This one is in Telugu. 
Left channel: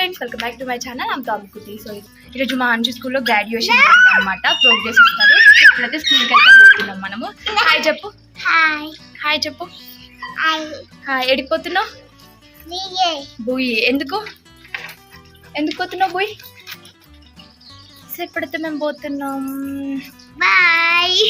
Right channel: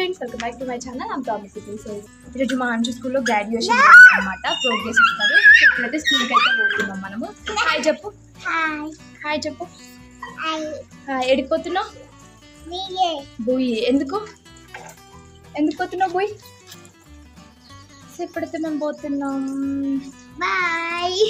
Friends, welcome back to my channel. I'm టామి కుతి. So ఈరోజు మా అంచు స్కూల్లో గ్రాడ్యుయేషన్ అనమాట, ప్రోగ్రెస్ ఇస్తారు. ఇప్పుడైతే స్కూల్కి అయితే పోతున్నాం మనము. హాయ్ చెప్పు. హాయ్ చెప్పు. ఎడిపోతున్నావు? బుయ్యి. ఎందుకు పోతున్నావు బుయ్యి? సో ఇప్పుడైతే మేము పోతున్నాం. బాయ్.